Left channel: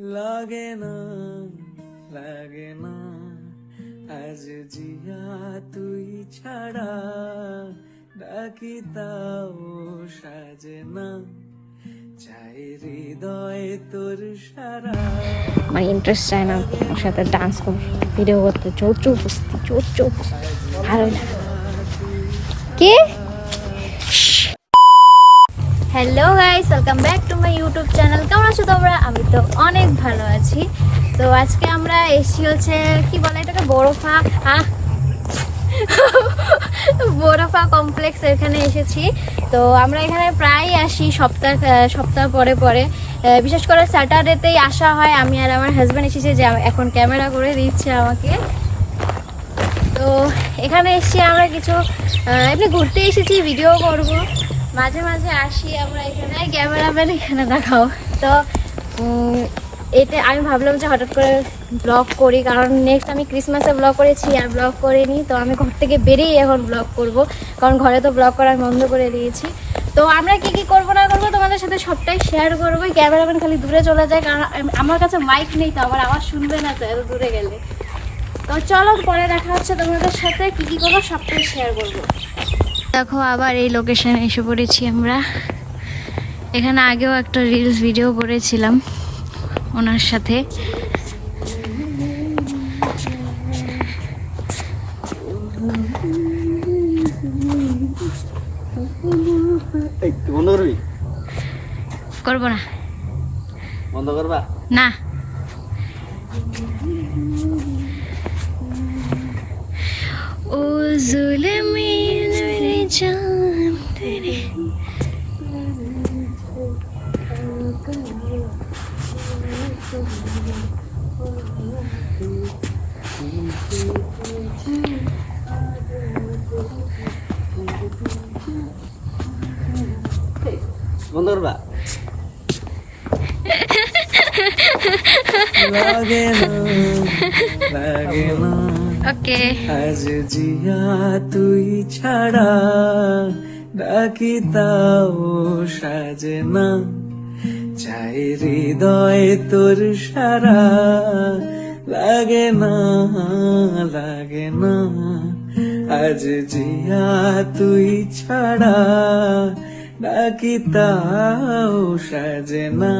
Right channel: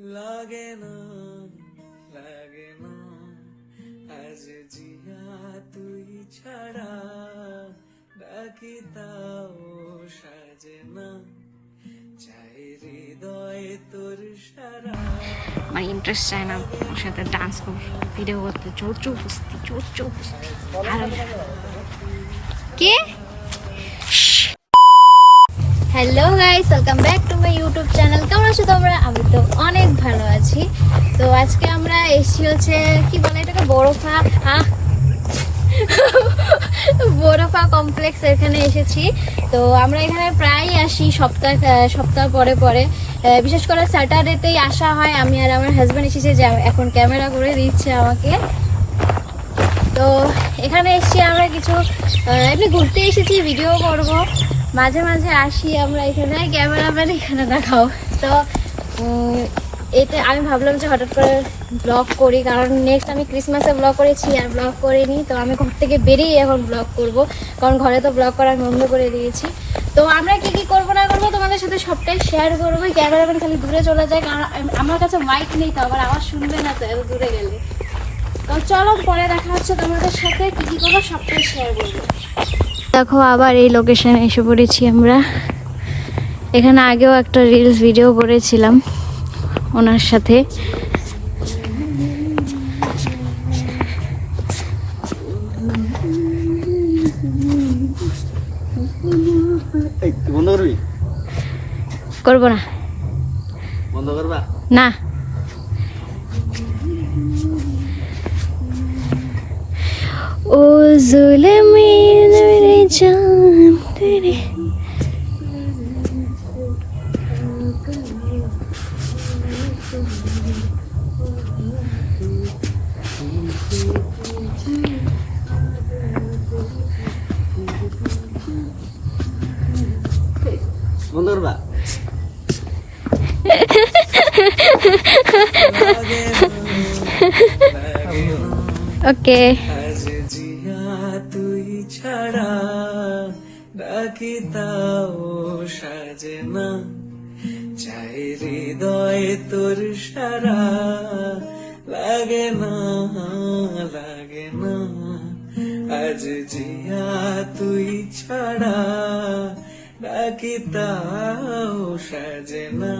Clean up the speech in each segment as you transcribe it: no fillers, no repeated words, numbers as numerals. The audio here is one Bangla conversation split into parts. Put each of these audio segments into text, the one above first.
লাগে না লাগে না আজ জিয়া তুই ছাড়া ডাকি তাও সাজে না চাই হৃদয় তোর সারা। আমার ইন্টারেস্ট চায় না ওর সাথে ডান্স কর ভিডিও করতে, চোর চোর ভালো না। কে? Hello guys, welcome back to my YouTube channel. কেমন আছো তোমরা? আমি তো অনেক ভালো আছি। তো আজকে আমরা এসেছি হচ্ছে কি বলে এটাকে বরফা কমপ্লেক্স, এখানে এসেছি। তো আমরা এখানে প্রায় আসি সপ্তাহ পরে পরে, বিশেষ করে স্যাটারডেতেই আসা হয়। আমি আর আমার হাজব্যান্ড এসেছি, যে এখন ক্যামেরা করে দিচ্ছে আমাকে। তো এখানে এসেছি আমরা কিছু এমনি ঘুরতে এসেছি, ভিডিও করব, মাঝে মাঝে আসি আমরা এখানে। ক্যামেরাম্যান এখানে দেখাও। তো এতে আমি ভাবলাম যে হঠাৎ করে ব্লগ করি, কারণ নেক্সট আমি ক্রিসমাসে ব্লগ করেছি আর ব্লগ করিনি। তো আমি ঘর থেকে বেরিয়ে এখন ব্লগ করব, কারণ ঘরে তো ব্লগ করার বন্ধ করে দিয়েছি। তো আমরা কি কি করবো না করবো তোমাদের সাথে সবটাই শেয়ার করবো। ক্যামেরাম্যান খালি দূরে চলে যায়, কারণ আমার কাছে মাইক নেই, তো আবার আওয়াজ শুনবে না তো এত দূরে গেলে। তো চলো পরে দেখা হচ্ছে তোমাদের সাথে, কি কি করবো সবটাই শেয়ার করবো। দেখো আবার এই লোকেশনে এসে পড়েছি আমরা। এখানে আগেও একটা রিলস ভিডিও করেছিলাম ওনার সাথে। বন্ধ করবি? করবো না। বন্ধ করবা না। ও जुल्मी मेरे जान तेरे বন্ধ করবা? লাগে না লাগে না ওকে। আজ জিয়া তুই ছাড়া ডাকি তাও সাজে না চাই হৃদয় তোর সারা। লাগে না লাগে না আজ জিয়া তুই ছাড়া ডাকি তাও সাজে না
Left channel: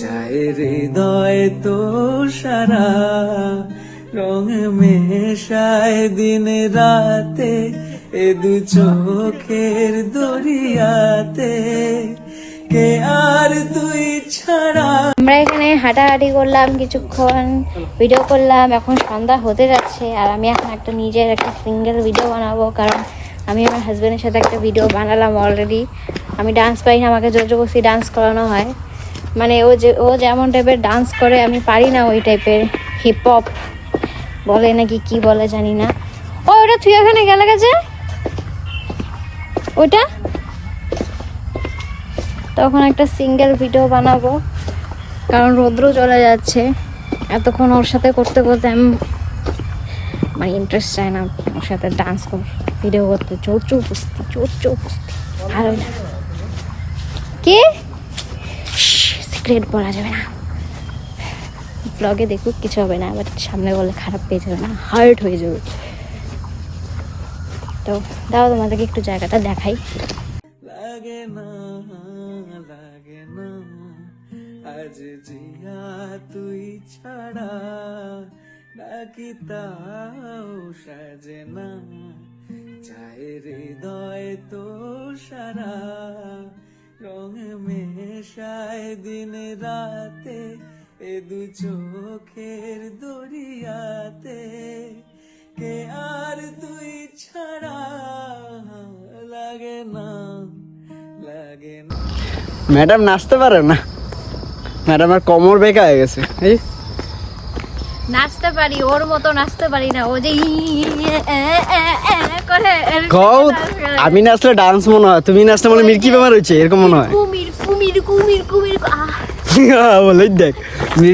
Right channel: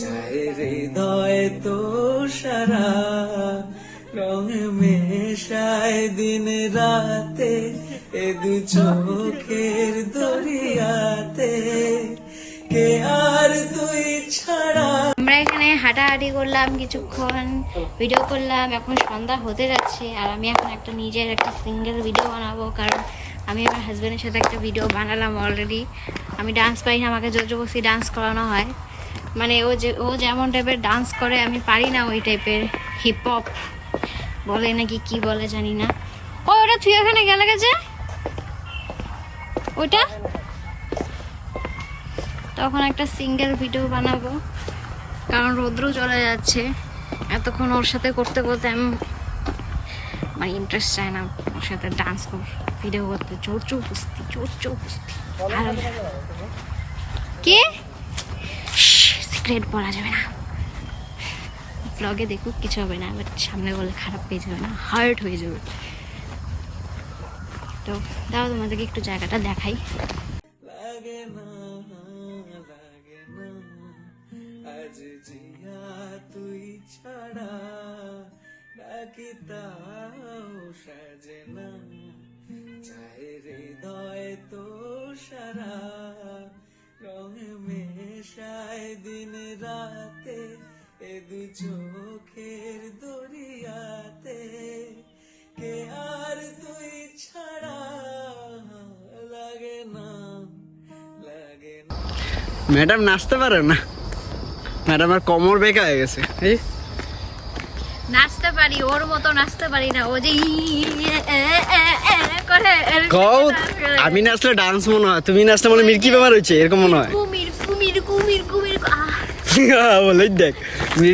চাই হৃদয় তোর সারা। রং মেশায় দিন রাতে এ দু চোখের দরিয়াতে কে আর তুই ছাড়া। আমরা এখানে হাঁটাহাঁটি করলাম কিছুক্ষণ, ভিডিও করলাম। এখন সন্ধ্যা হতে যাচ্ছে, আর আমি এখন একটা নিজের একটা সিঙ্গেল ভিডিও বানাবো, কারণ আমি আমার হাজব্যান্ডের সাথে একটা ভিডিও বানালাম অলরেডি। আমি ডান্স পারি না, আমাকে জোর জবরদস্তি ডান্স করানো হয়। মানে ও যেমন টাইপের ডান্স করে আমি পারি না ওই টাইপের। হিপ হপ বলে নাকি কি বলে জানি না। ওটা তুই এখানে গেলে গেছে ওটা। তখন একটা সিঙ্গেল ভিডিও বানাবো, কারণ রৌদ্র চলে যাচ্ছে। এতক্ষণ ওর সাথে করতে করতে আমার ইন্টারেস্ট চায় না ওর সাথে ডান্স কর ভিডিও করতে, চোর কুস্তি ভালো না। কে? সিক্রেট বলা যাবে না, ব্লগে দেখুক কিছু হবে না, বাট সামনে বললে খারাপ পেয়ে যাবে না, হার্ট হয়ে যাবে। তো দাও তোমাদেরকে একটু জায়গাটা দেখাই। লাগে না লাগে না আজ জিয়া তুই ছাড়া ডাকি তাও সাজে না চাই হৃদয় তোর সারা। রং মেশায় দিন রাতে এ দু চোখের দরিয়াতে কে আর তুই ছাড়া। লাগে না লাগে না। ম্যাডাম নাচতে পারে না, ম্যাডাম আর কোমর বেঁকা হয়ে গেছে। নাচতে পারি, ওর মতো নাচতে পারি না। ও যে করে আমি নাচলে ডান্স মনে হয়, তুমি নাচলে মনে মির্কি বেমার হচ্ছে এরকম মনে হয়। কুমির কুমির কুমির কুমির বলে দেখ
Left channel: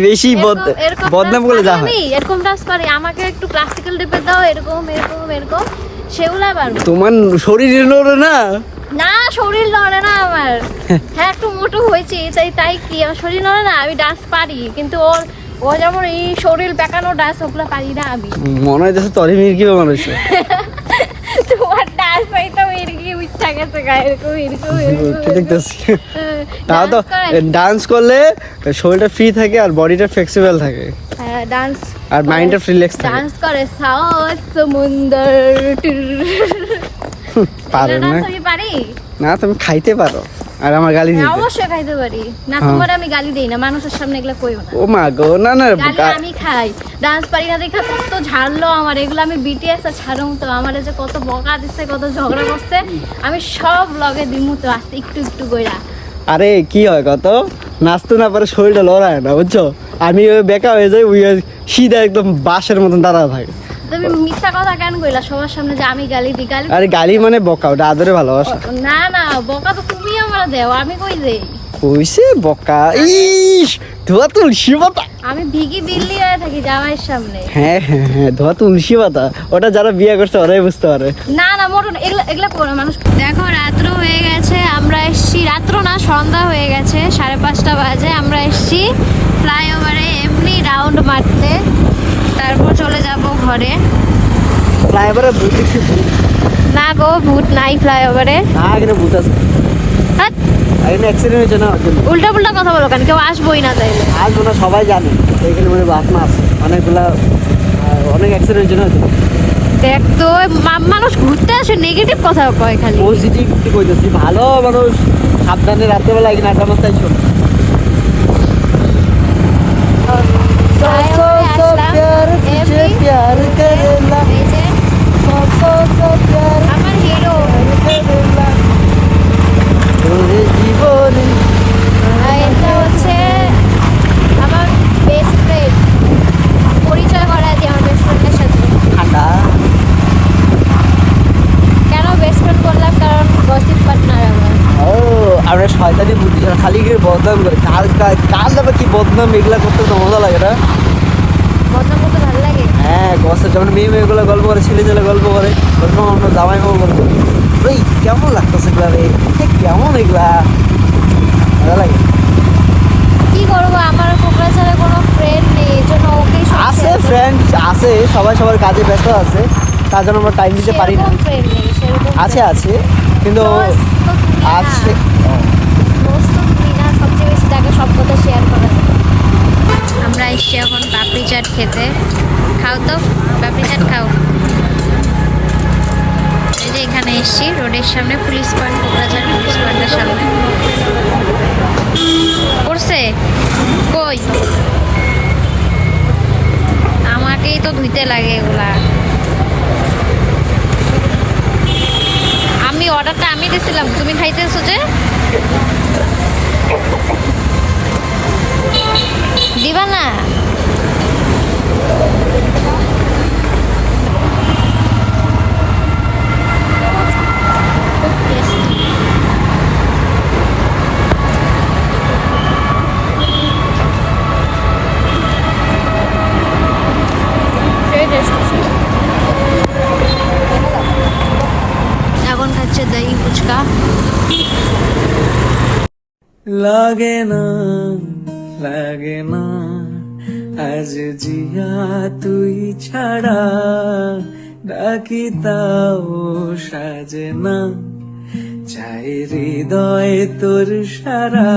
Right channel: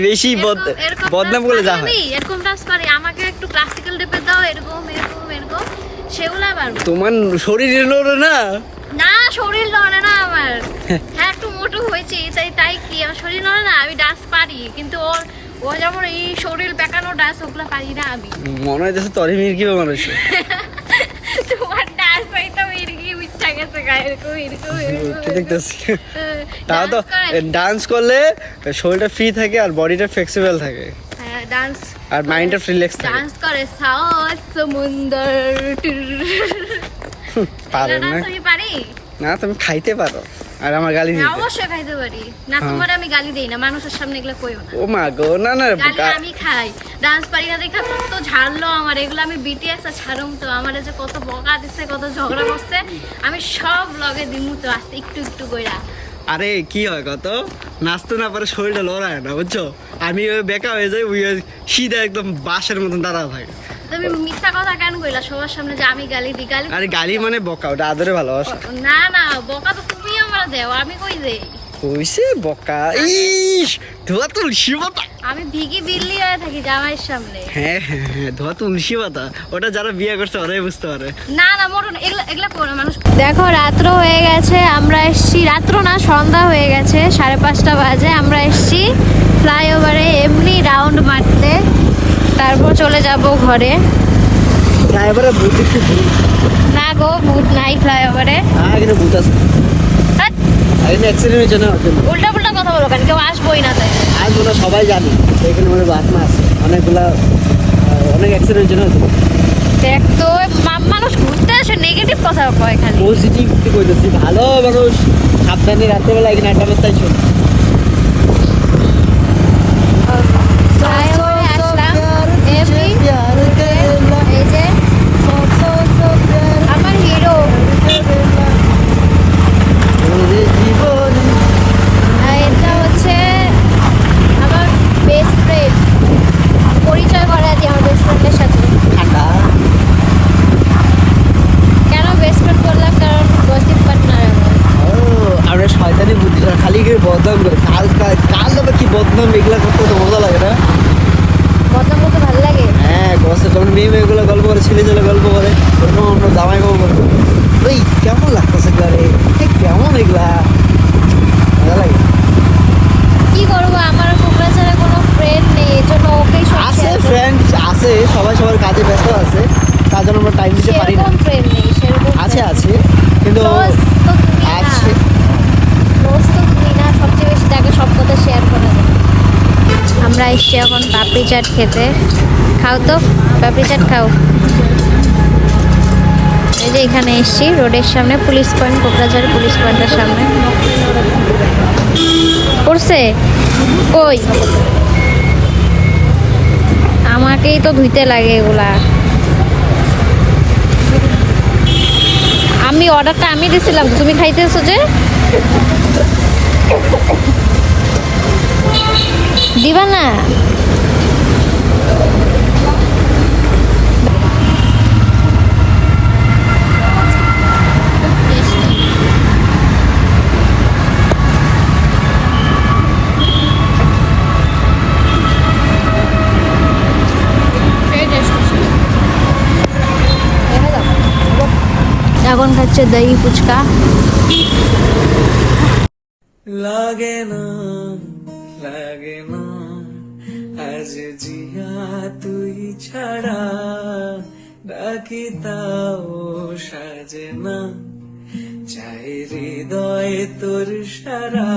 বেশি বদনাম করে যা আমি এরকম ডান্স পারি। আমাকে একটু ক্লাসিক্যাল টাইপের দাও, এরকম এরকম এরকম সেগুলা পারবো। তোমার শরীর নড়ে না, না শরীর নড়ে না আমার। হ্যাঁ একটু মোটো হয়েছে তাই কি আমার শরীর নড়ে না, আমি ডান্স পারি কিন্তু ও যেমন এই শরীর বেঁকানো ডান্স ওগুলো পারি না আমি। মনে হইতেছে তোরই মির্কি বেমার হয়েছে। তোমার ডান্স হয়তো এরকম ইচ্ছা গেছে ডান্স করলে শরীরটা ফ্রি থাকে আর বডিটা ফ্লেক্সিবল থাকে। ডান্স আর মাইন্ডটা রিল্যাক্স থাকে। ডান্স করে সাউথ সমুদ্র। পারো না? পারি না তুমি খাইতে পারো আর আমার গালি দিতে। অবশ্যই খাইতে পারি না, তোমার আমি গালি দেই না, মানুষের সামনে এগুলা কইও না। ও মা গো, না না গালি আমি খাই। ডান্স পারি না দেখা কত ঝাড়লো আমার, এগুলো আমি বিটিএস আর ছাড়ুম তো, আমার যে কত বকা দিচ্ছে কত ঝগড়া করছে আমি সব লগে দিমু তো আস্তে একটু একটু কইরা। আরে কি হয় কত নাচতে না পারে শরীরটা লড়ায় না বুঝছো, আমি ওই বেকা হয়ে যাই, ওই সিধা একদম বাঁশের মতন দাঁড়া থাকে। তুমি মিথ্যা কথা কেন কইলা সবার সামনে যে আমি গালি দিই? গালি আরে গালি মানে বকা, ওটা আদরে ভালোবাসা। না না বকা তো তুমি আমার দেও, আমি কই দেই? কইছে বকা? ইস ধোয়া তুলসী পাতা। আমি ভিগি বিল্লি হয়ে থাকি জামাইয়ের সামনে। হ্যাঁ হ্যাঁ হ্যাঁ, ধোয়া তুলসী পাতা, ওটা যারা বিয়ে করছে ওরাই বুঝতে পারে। না না মোটন এগুলা করে মানুষ। দেখো রাত্র হয়ে গেছে, আমরা এসছি, রাত্র না সন্ধ্যা হয়ে গেছে, 5:30 বাজে। আমরা এসছি ফ্লাইওভারে এমনি রাউন্ড মারতে, তারপর চলে যাব ঘরে। ফ্লাইওভারে ভূত আছে? না গো ভূত নাই ফ্লাইওভারে। হ্যাঁ কিন্তু ভূত আছে। হ্যাঁ, এই অ্যাক্সিডেন্ট হয়েছে না? উল্টা পুল্টা কথা বলো কেন? কেউ আসবোই না তাই। আজ মনে হয় সবাই জানে এখানে মানে আত্মা আছে অনেকগুলা, অনেক অ্যাক্সিডেন্ট হয়েছে না? দেখ তো মানুষ ঘুরতে আসে নেগেটিভ কথা কয় খালি। পজিটিভ কইতেছি, ভালো মানুষ সাবধানে রাত্রেবেলা এখানে আড্ডা মারতে আইসো। আমার হিরো এটা হচ্ছে আমার বেস্ট ফ্রেন্ড। পরিচয় করা দিই আমার বেস্ট ফ্রেন্ডের সাথে। ঠান্ডা কেন বেস্ট ফ্রেন্ড করলাম? কারণ গসিপ পার্টনার আমার। ও আমরা শয়তানি বুদ্ধি খালি করে বদনাম করে, কার নামে কি বদনাম এগুলা করতে তো মজা লাগে না? বদনাম করতে ভালো লাগে। হ্যাঁ গসে যেমন মেয়েগুলো গল্প করে, ছেলে গল্প করে, ওরকম আমরা জামাই গল্প করে। ওই কেমন লাগতেছে এগুলা রে, কেমন এগুলা মজা লাগে। কি করবো, আমার কোকরাঝারে কোনো ফ্রেন্ড নেই, এই জন্য ওকেই সব আছে ফ্রেন্ড আছে, সবাই সবার কাজে ব্যস্ত আছে, তার জন্য আমরা টাইম দিতে পারি না। সেরকম ফ্রেন্ড নেই, সেরকম আছে আছে কিন্তু Close তো তুমি না। আছে। Close তো তুমি না, সবচেয়ে বেশি তাকে সব কথা শেয়ার করা যায়। আমরা এসছি এখন পাপড়ি চাট খেতে। খাও তো পাপড়ি চাট খাও। এই যে এখানে এসছি রোডের সামনে, পুলিশ পয়েন্ট, কোকরাঝাড় পুলিশ পয়েন্টের সামনে। করছে কই? আমাকেই তো ধুইতে লাগে এগুলা। আমি অর্ডারটা আমি দিছিলাম, তুমি খাইতেছো যে? দিবা না? এখন খাচ্ছে দহি ফুচকা। লাগে না আজ জিয়া তুই ছাড়া, ডাকি তাও সাজে না, চাই হৃদয় তোর সারা।